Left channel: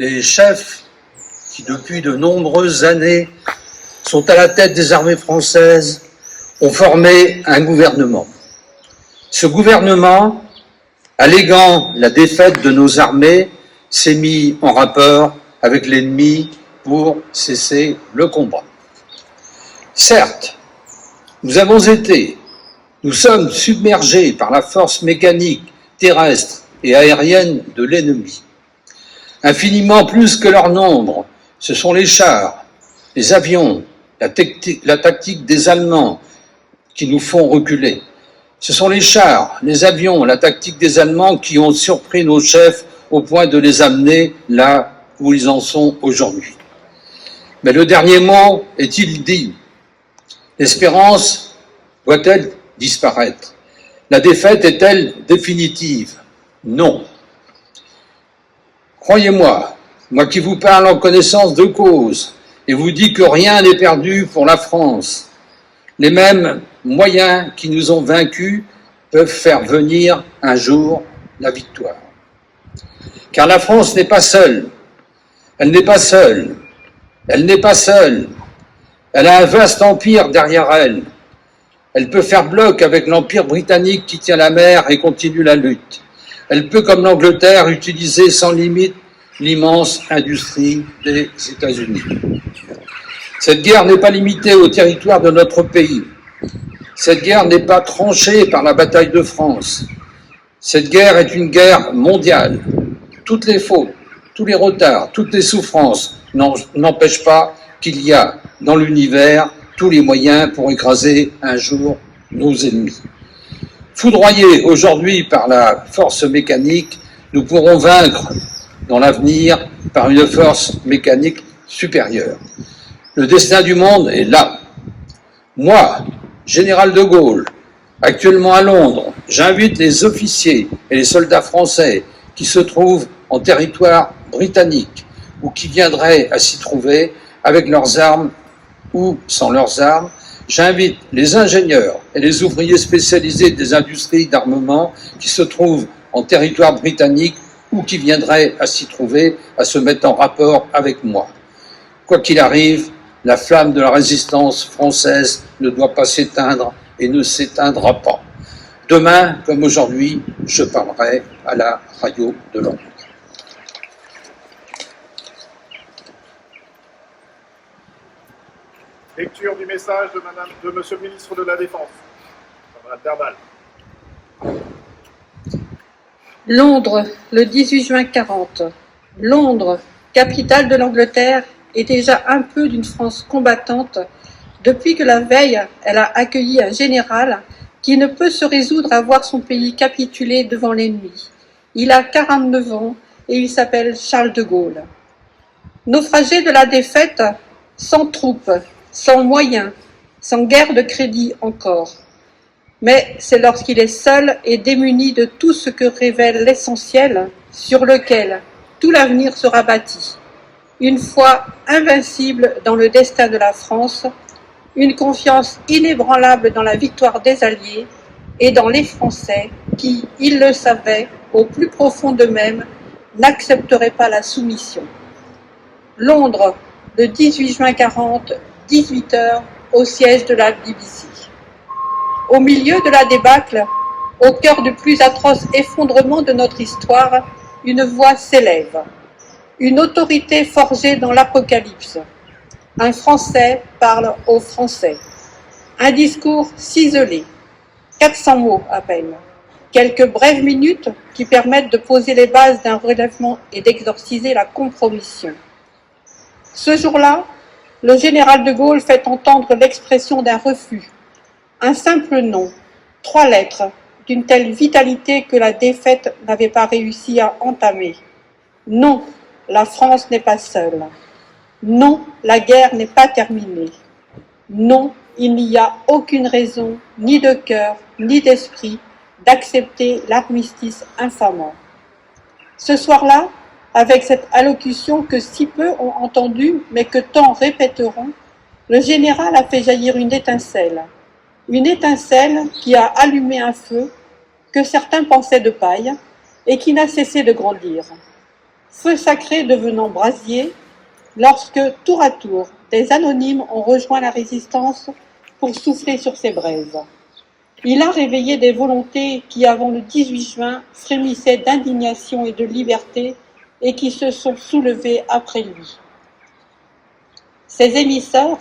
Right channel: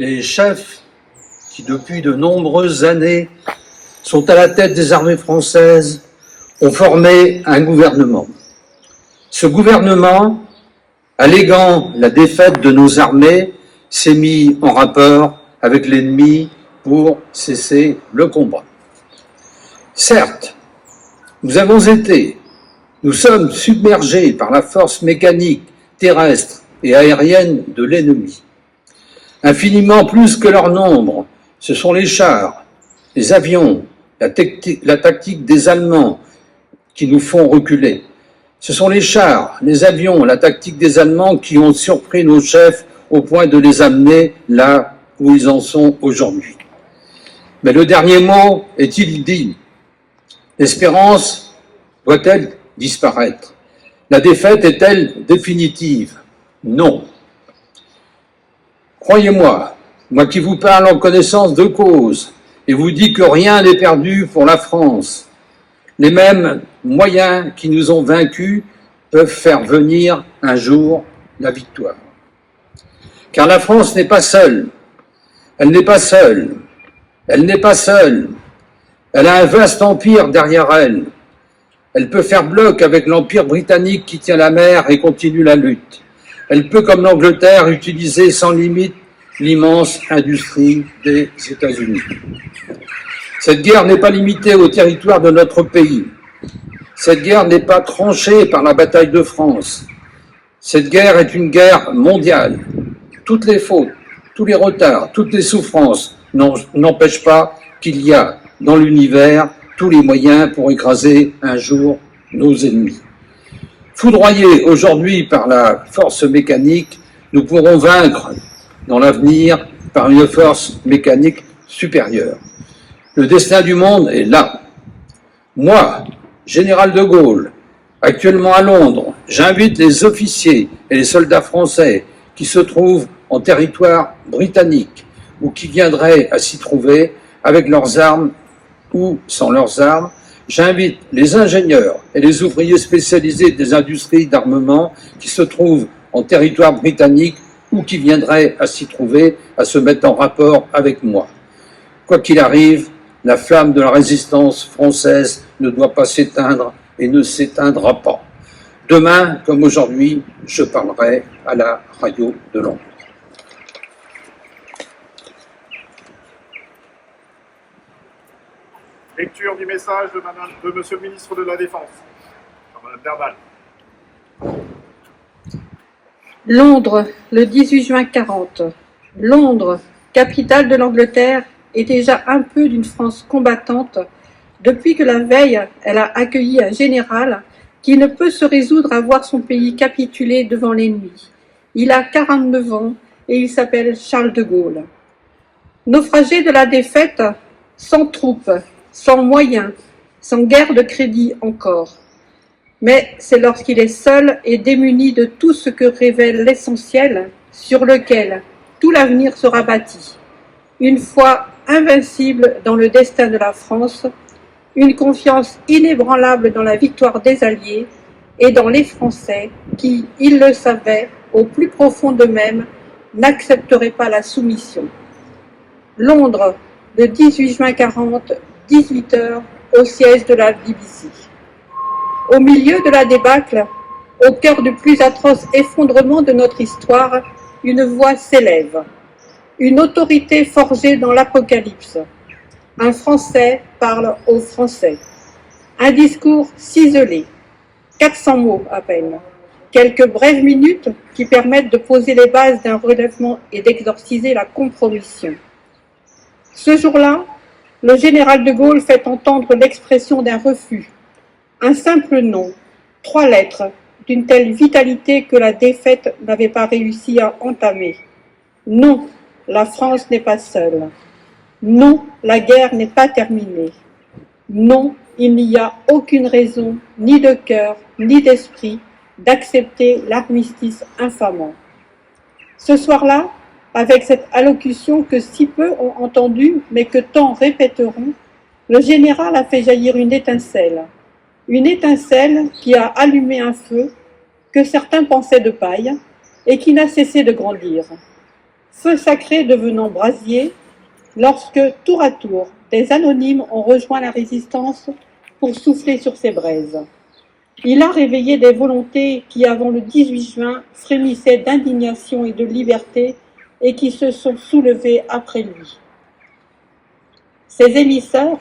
Les chefs qui, depuis de nombreuses années, sont à la tête des armées françaises, ont formé un gouvernement. Ce gouvernement, alléguant la défaite de nos armées, s'est mis en rapport avec l'ennemi pour cesser le combat. Certes, nous sommes submergés par la force mécanique, terrestre et aérienne de l'ennemi. Infiniment plus que leur nombre, ce sont les chars, les avions, la tactique des Allemands qui nous font reculer. Ce sont les chars, les avions, la tactique des Allemands qui ont surpris nos chefs au point de les amener là où ils en sont aujourd'hui. Mais le dernier mot est-il dit? L'espérance doit-elle disparaître? La défaite est-elle définitive? Non. Croyez-moi, moi qui vous parle en connaissance de cause et vous dis que rien n'est perdu pour la France, les mêmes moyens qui nous ont vaincus peuvent faire venir un jour la victoire. Car la France n'est pas seule. Elle n'est pas seule. Elle n'est pas seule. Elle a un vaste empire derrière elle. Elle peut faire bloc avec l'empire britannique qui tient la mer et continue la lutte. Elle peut, comme l'Angleterre, utiliser sans limite l'immense industrie des États-Unis. Cette guerre n'est pas limitée au territoire de notre pays. Cette guerre n'est pas tranchée par la bataille de France. Cette guerre est une guerre mondiale. Toutes les fautes, tous les retards, toutes les souffrances n'empêchent pas qu'il y a dans l'univers tous les moyens pour écraser un jour nos ennemis. Foudroyés aujourd'hui par la force mécanique, nous pourrons vaincre dans l'avenir par une force mécanique supérieure. Le destin du monde est là. Moi, général de Gaulle, actuellement à Londres, j'invite les officiers et les soldats français qui se trouvent en territoire britannique ou qui viendraient à s'y trouver avec leurs armes ou sans leurs armes. J'invite les ingénieurs et les ouvriers spécialisés des industries d'armement qui se trouvent en territoire britannique ou qui viendraient à s'y trouver à se mettre en rapport avec moi. Quoi qu'il arrive, la flamme de la résistance française ne doit pas s'éteindre et ne s'éteindra pas. Demain, comme aujourd'hui, je parlerai à la radio de Londres. Lecture du message de Monsieur le ministre de la Défense. Madame Derbal. Londres, le 18 juin 40. Londres, capitale de l'Angleterre, est déjà un peu d'une France combattante depuis que la veille, elle a accueilli un général qui ne peut se résoudre à voir son pays capituler devant l'ennemi. Il a 49 ans et il s'appelle Charles de Gaulle. Naufragé de la défaite, sans troupes, sans moyens, sans guerre de crédit encore. Mais c'est lorsqu'il est seul et démuni de tout ce que révèle l'essentiel sur lequel tout l'avenir sera bâti. Une foi invincible dans le destin de la France, une confiance inébranlable dans la victoire des Alliés et dans les Français qui, ils le savaient, au plus profond d'eux-mêmes, n'accepteraient pas la soumission. Londres, le 18 juin 40, 18h, au siège de la BBC. Au milieu de la débâcle, au cœur du plus atroce effondrement de notre histoire, une voix s'élève. Une autorité forgée dans l'Apocalypse. Un Français parle aux Français. Un discours ciselé. 400 mots à peine. Quelques brèves minutes qui permettent de poser les bases d'un relèvement et d'exorciser la compromission. Ce jour-là, le général de Gaulle fait entendre l'expression d'un refus. Un simple nom, 3 lettres, d'une telle vitalité que la défaite n'avait pas réussi à entamer. Non, la France n'est pas seule. Non, la guerre n'est pas terminée. Non, il n'y a aucune raison, ni de cœur, ni d'esprit, d'accepter l'armistice infamant. Ce soir-là, avec cette allocution que si peu ont entendue, mais que tant répéteront, le général a fait jaillir une étincelle qui a allumé un feu que certains pensaient de paille et qui n'a cessé de grandir. feu sacré devenant brasier, lorsque, tour à tour, des anonymes ont rejoint la résistance pour souffler sur ces braises. Il a réveillé des volontés qui, avant le 18 juin, frémissaient d'indignation et de liberté et qui se sont soulevées après lui. Ces émissaires,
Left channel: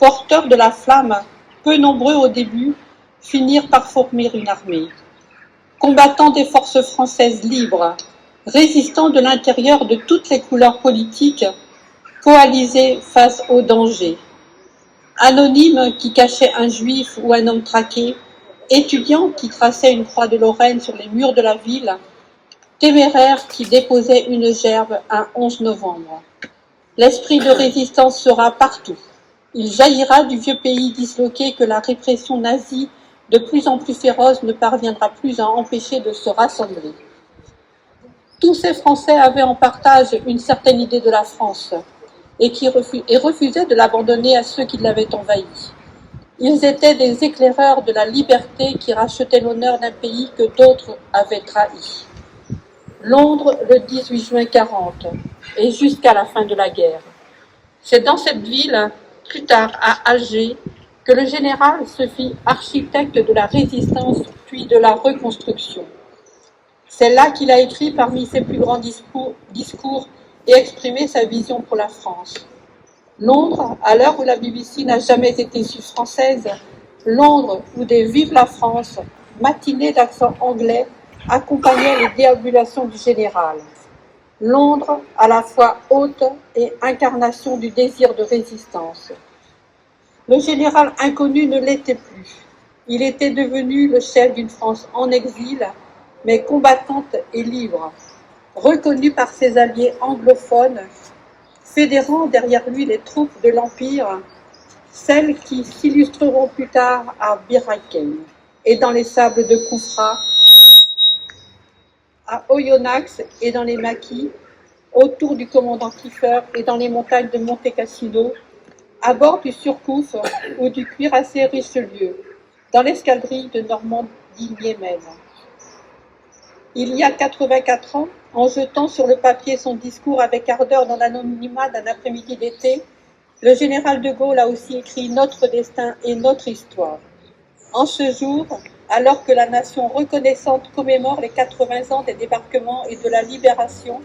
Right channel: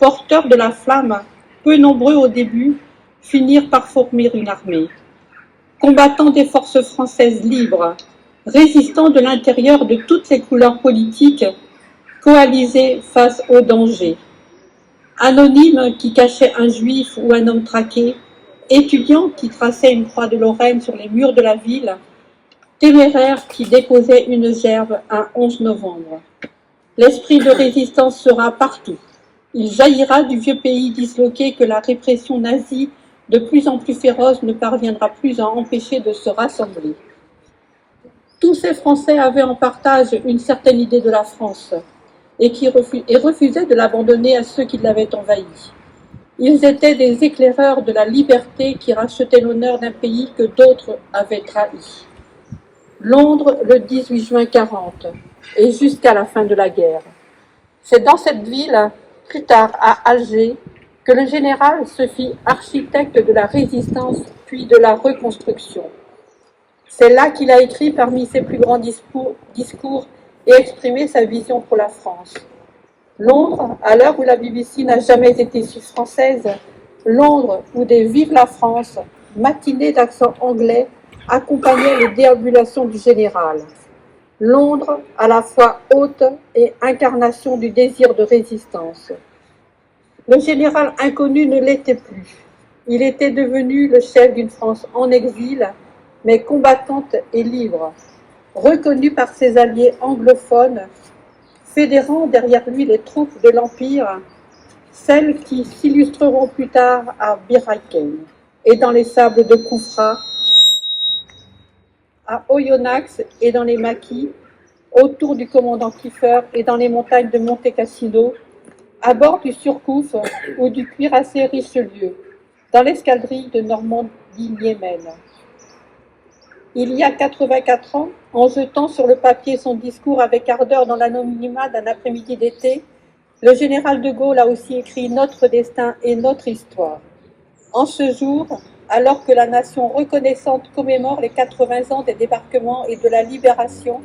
porteurs de la flamme, peu nombreux au début, finirent par former une armée. Combattants des forces françaises libres, résistants de l'intérieur de toutes les couleurs politiques, coalisés face au danger. Anonymes qui cachaient un juif ou un homme traqué, étudiants qui traçaient une croix de Lorraine sur les murs de la ville, téméraires qui déposaient une gerbe un 11 novembre. L'esprit de résistance sera partout. Il jaillira du vieux pays disloqué que la répression nazie, de plus en plus féroce, ne parviendra plus à empêcher de se rassembler. Tous ces Français avaient en partage une certaine idée de la France et refusaient de l'abandonner à ceux qui l'avaient envahi. Ils étaient des éclaireurs de la liberté qui rachetaient l'honneur d'un pays que d'autres avaient trahi. Londres, le 18 juin 40, et jusqu'à la fin de la guerre. C'est dans cette ville, plus tard à Alger, que le général se fit architecte de la résistance puis de la reconstruction. C'est là qu'il a écrit parmi ses plus grands discours et exprimé sa vision pour la France. Londres, à l'heure où la BBC n'a jamais été française, Londres où des Vive la France, matinées d'accent anglais, accompagnaient les déambulations du général. Londres, à la fois haute et incarnation du désir de résistance. Le général inconnu ne l'était plus. Il était devenu le chef d'une France en exil, mais combattante et libre, reconnu par ses alliés anglophones, fédérant derrière lui les troupes de l'Empire, celles qui s'illustreront plus tard à Bir Hakeim et dans les sables de Koufra, à Oyonnax et dans les maquis, autour du commandant Kiefer et dans les montagnes de Monte Cassino, à bord du Surcouf ou du cuirassé Richelieu, dans l'escadrille de Normandie-Niemen. Il y a 84 ans, en jetant sur le papier son discours avec ardeur dans l'anonymat d'un après-midi d'été, le général de Gaulle a aussi écrit notre destin et notre histoire. En ce jour, alors que la nation reconnaissante commémore les 80 ans des débarquements et de la libération,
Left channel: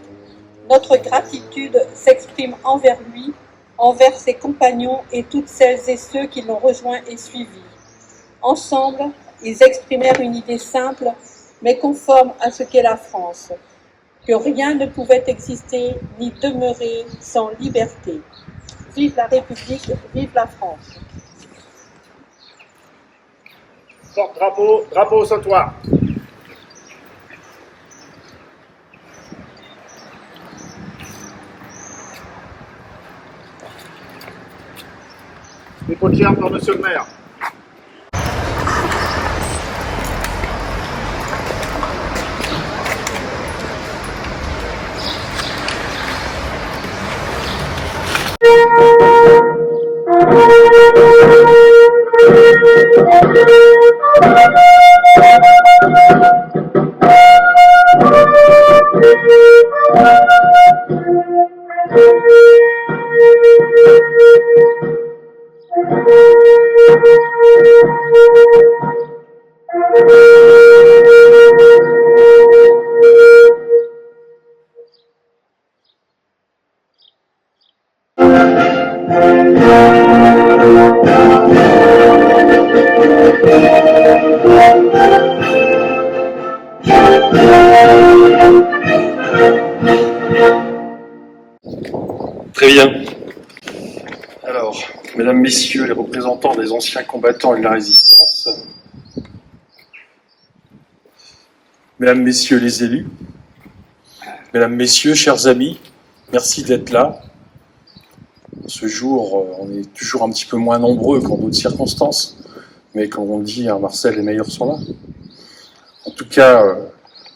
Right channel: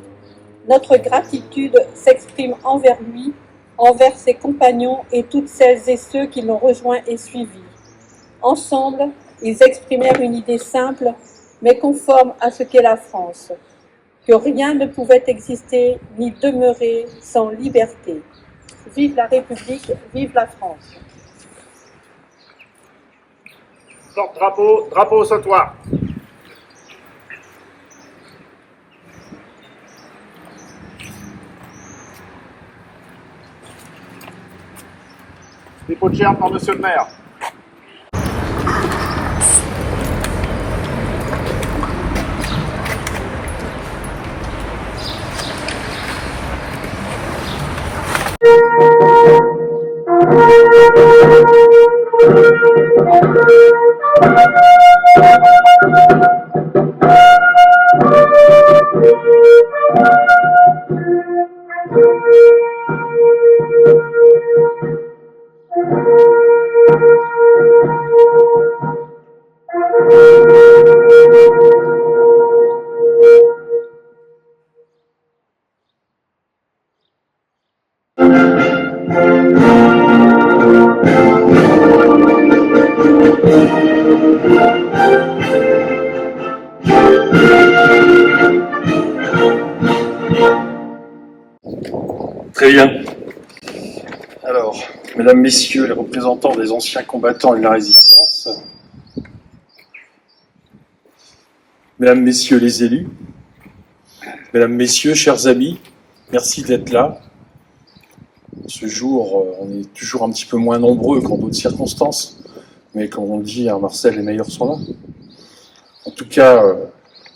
notre gratitude s'exprime envers lui, envers ses compagnons et toutes celles et ceux qui l'ont rejoint et suivi. Ensemble, ils exprimèrent une idée simple, mais conforme à ce qu'est la France, que rien ne pouvait exister ni demeurer sans liberté. Vive la République, vive la France. Porte-drapeau, drapeau au sautoir. Dépôt de gerbe par monsieur le maire. Très bien. Alors, mesdames, messieurs, les représentants des anciens combattants et de la résistance, mesdames, messieurs les élus, mesdames, messieurs, chers amis, merci d'être là. Ce jour, on est toujours un petit peu moins nombreux qu'en d'autres circonstances, mais comme on dit, à Marseille, les meilleurs sont là. En tout cas,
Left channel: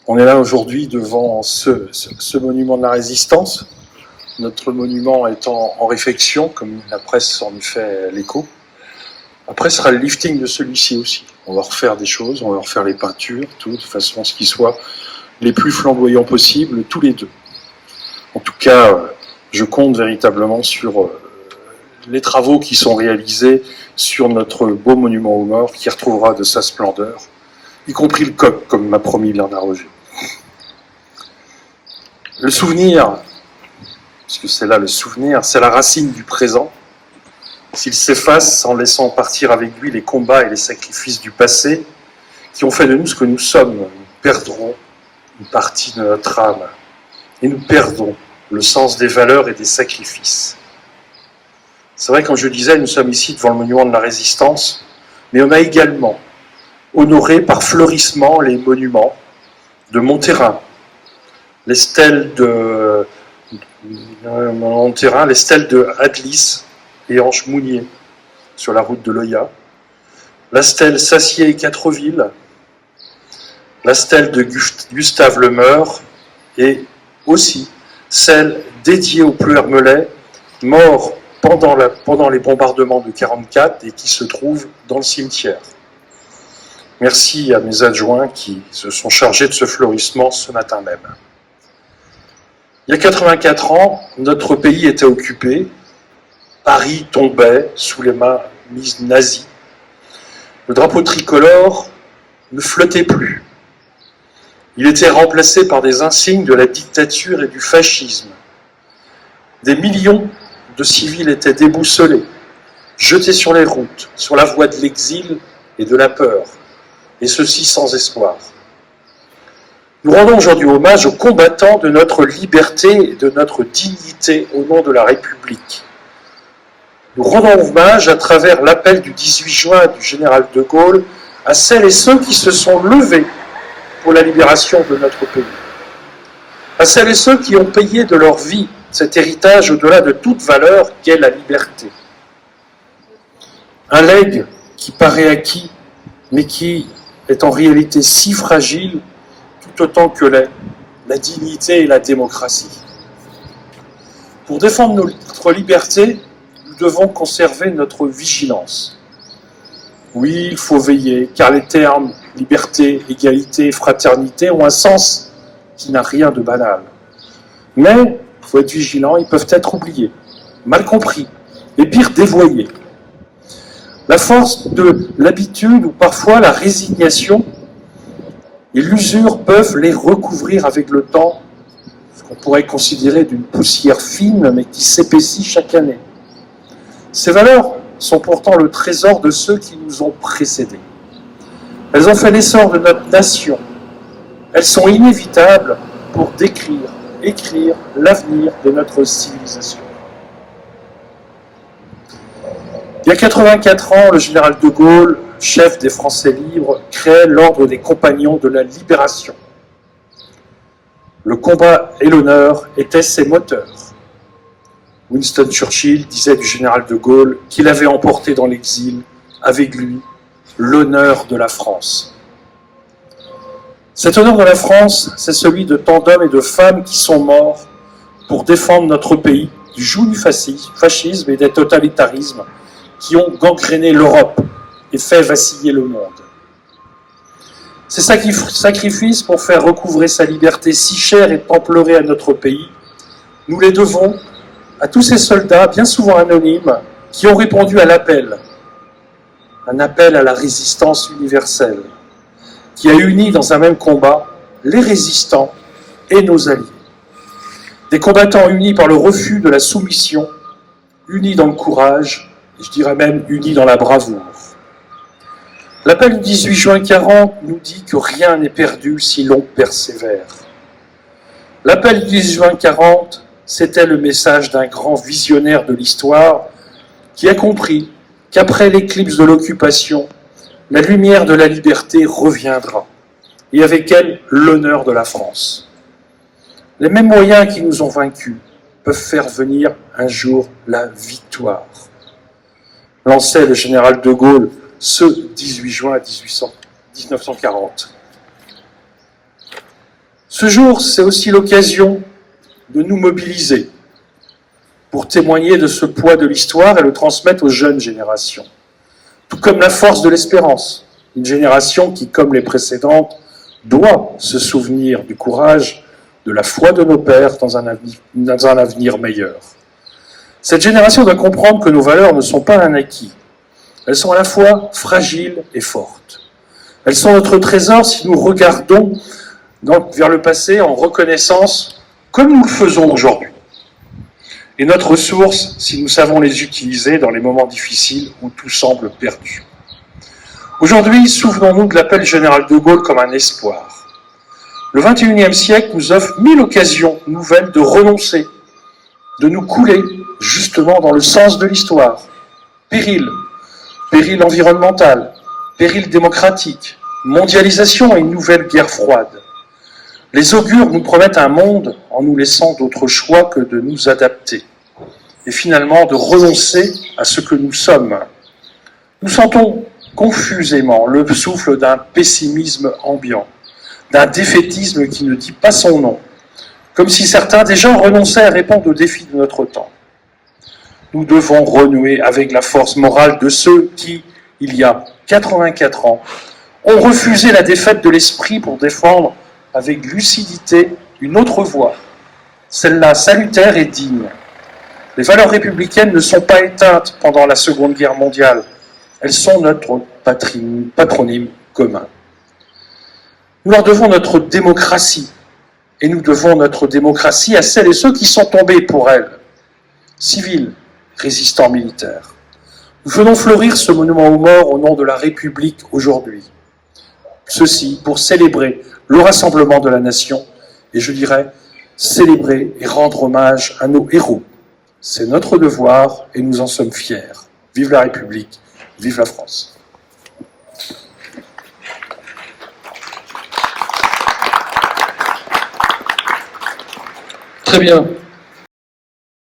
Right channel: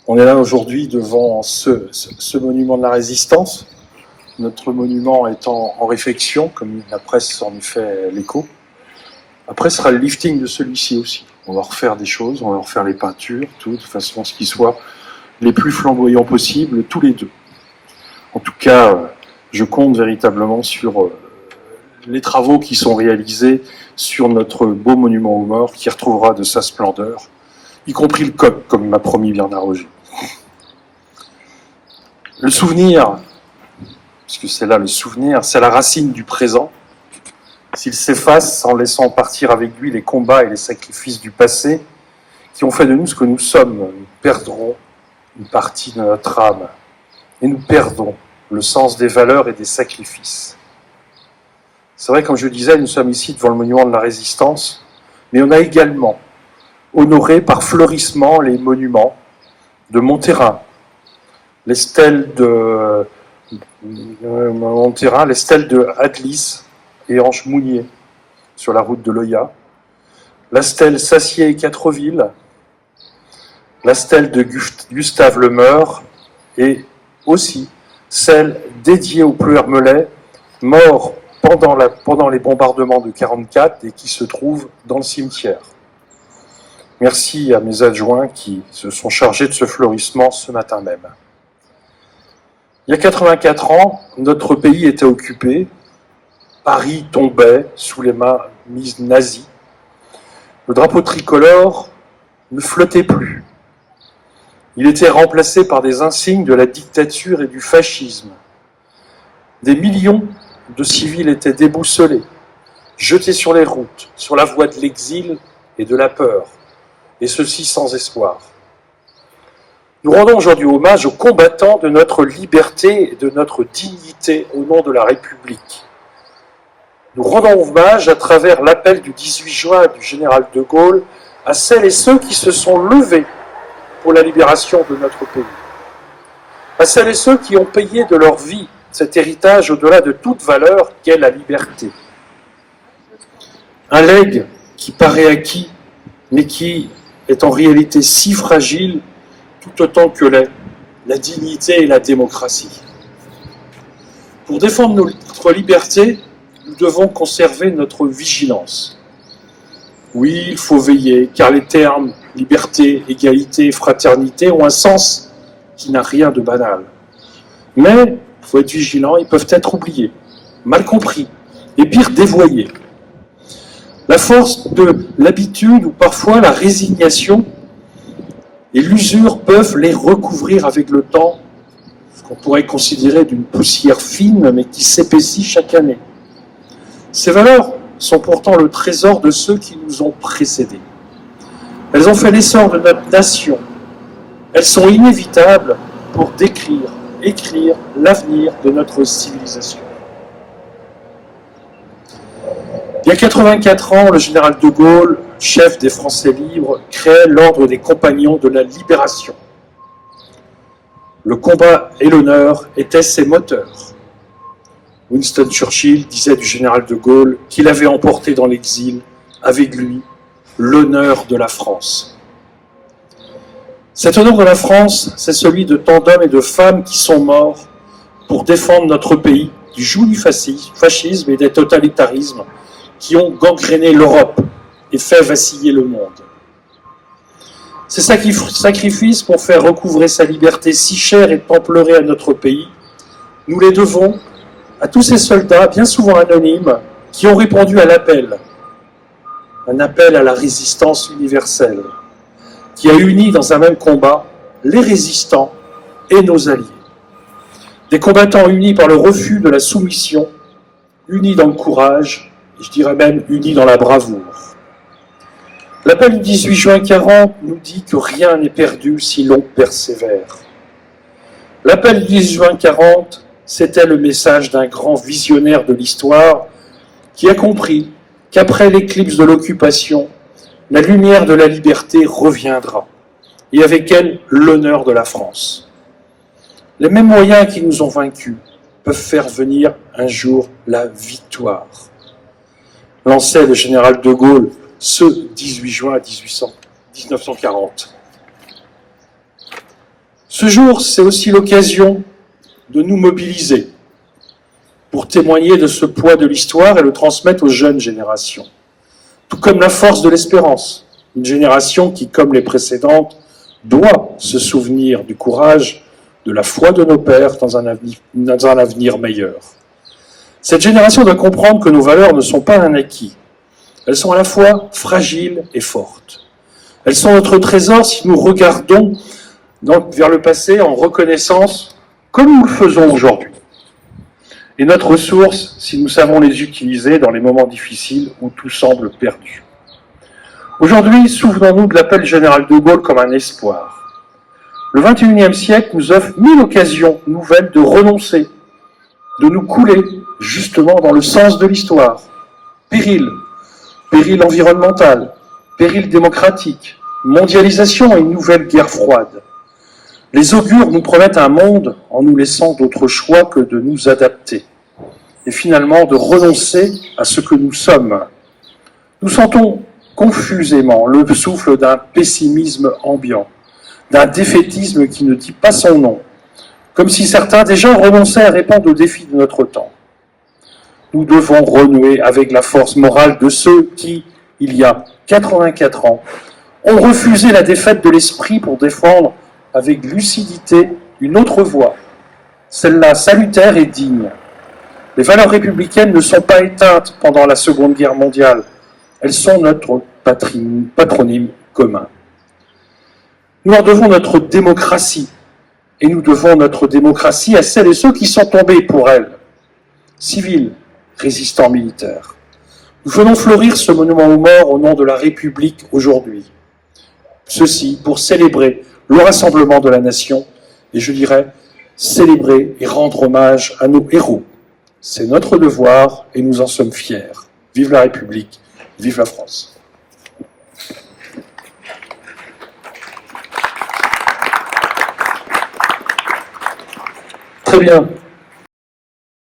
on est là aujourd'hui devant ce monument de la résistance. Notre monument est en réfection, comme la presse en fait l'écho. Après sera le lifting de celui-ci aussi. On va refaire des choses, on va refaire les peintures, tout, de façon à ce qu'il soit les plus flamboyants possibles, tous les deux. En tout cas, je compte véritablement sur les travaux qui sont réalisés sur notre beau monument aux morts qui retrouvera de sa splendeur, y compris le coq, comme m'a promis Bernard Roger. Le souvenir, puisque c'est là le souvenir, c'est la racine du présent. S'il s'efface en laissant partir avec lui les combats et les sacrifices du passé qui ont fait de nous ce que nous sommes, nous perdrons une partie de notre âme et nous perdrons le sens des valeurs et des sacrifices. C'est vrai, comme je disais, nous sommes ici devant le monument de la Résistance, mais on a également honoré par fleurissement les monuments de Montterrain, les stèles de Montterrain, les stèles de Adlis et Ange Mounier sur la route de Loya, la stèle Sassier et Quattreville, la stèle de Gustave Lemeur et aussi celle dédiée au Pleu Hermelais, mort pendant les bombardements de 1944 et qui se trouve dans le cimetière. Merci à mes adjoints qui se sont chargés de ce fleurissement ce matin même. Il y a 84 ans, notre pays était occupé, Paris tombait sous les mains nazies, le drapeau tricolore ne flottait plus. Il était remplacé par des insignes de la dictature et du fascisme. Des millions de civils étaient déboussolés, jetés sur les routes, sur la voie de l'exil et de la peur, et ceci sans espoir. Nous rendons aujourd'hui hommage aux combattants de notre liberté et de notre dignité au nom de la République. Nous rendons hommage à travers l'appel du 18 juin du général de Gaulle à celles et ceux qui se sont levés pour la libération de notre pays, à celles et ceux qui ont payé de leur vie cet héritage au-delà de toute valeur qu'est la liberté. Un legs qui paraît acquis, mais qui est en réalité si fragile, tout autant que l'est la dignité et la démocratie. Pour défendre notre liberté, nous devons conserver notre vigilance. Oui, il faut veiller, car les termes liberté, égalité, fraternité ont un sens qui n'a rien de banal. Mais il faut être vigilant, ils peuvent être oubliés, mal compris, et pire dévoyés. La force de l'habitude ou parfois la résignation et l'usure peuvent les recouvrir avec le temps, ce qu'on pourrait considérer d'une poussière fine, mais qui s'épaissit chaque année. Ces valeurs sont pourtant le trésor de ceux qui nous ont précédés. Elles ont fait l'essor de notre nation. Elles sont inévitables pour écrire l'avenir de notre civilisation. Il y a 84 ans, le général de Gaulle, chef des Français libres, crée l'ordre des Compagnons de la Libération. Le combat et l'honneur étaient ses moteurs. Winston Churchill disait du général de Gaulle qu'il avait emporté dans l'exil, avec lui, l'honneur de la France. Cet honneur de la France, c'est celui de tant d'hommes et de femmes qui sont morts pour défendre notre pays du joug du fascisme et des totalitarismes qui ont gangréné l'Europe et fait vaciller le monde. Ces sacrifices pour faire recouvrer sa liberté si chère et tant pleurée à notre pays, nous les devons à tous ces soldats, bien souvent anonymes, qui ont répondu à l'appel, un appel à la résistance universelle, qui a uni dans un même combat les résistants et nos alliés. Des combattants unis par le refus de la soumission, unis dans le courage, et je dirais même unis dans la bravoure. L'appel du 18 juin 40 nous dit que rien n'est perdu si l'on persévère. L'appel du 18 juin 40, c'était le message d'un grand visionnaire de l'histoire qui a compris qu'après l'éclipse de l'occupation, la lumière de la liberté reviendra, et avec elle l'honneur de la France. Les mêmes moyens qui nous ont vaincus peuvent faire venir un jour la victoire, lançait le général de Gaulle ce 18 juin 1940. Ce jour, c'est aussi l'occasion de nous mobiliser pour témoigner de ce poids de l'histoire et le transmettre aux jeunes générations. Tout comme la force de l'espérance, une génération qui, comme les précédentes, doit se souvenir du courage, de la foi de nos pères dans un avenir meilleur. Cette génération doit comprendre que nos valeurs ne sont pas un acquis. Elles sont à la fois fragiles et fortes. Elles sont notre trésor si nous regardons vers le passé en reconnaissance, comme nous le faisons aujourd'hui. Et notre ressource si nous savons les utiliser dans les moments difficiles où tout semble perdu. Aujourd'hui, souvenons-nous de l'appel général de Gaulle comme un espoir. Le XXIe siècle nous offre 1000 occasions nouvelles de renoncer, de nous couler justement dans le sens de l'histoire. Péril environnemental, péril démocratique, mondialisation et une nouvelle guerre froide. Les augures nous promettent un monde en nous laissant d'autres choix que de nous adapter et finalement de renoncer à ce que nous sommes. Nous sentons confusément le souffle d'un pessimisme ambiant, d'un défaitisme qui ne dit pas son nom, comme si certains déjà renonçaient à répondre aux défis de notre temps. Nous devons renouer avec la force morale de ceux qui, il y a 84 ans, ont refusé la défaite de l'esprit pour défendre avec lucidité une autre voie, celle-là salutaire et digne. Les valeurs républicaines ne sont pas éteintes pendant la Seconde Guerre mondiale, elles sont notre patronyme commun. Nous leur devons notre démocratie, et nous devons notre démocratie à celles et ceux qui sont tombés pour elle, civils, résistants militaires. Nous faisons fleurir ce monument aux morts au nom de la République aujourd'hui. Ceci pour célébrer le rassemblement de la nation, et je dirais célébrer et rendre hommage à nos héros. C'est notre devoir et nous en sommes fiers. Vive la République, vive la France. Très bien.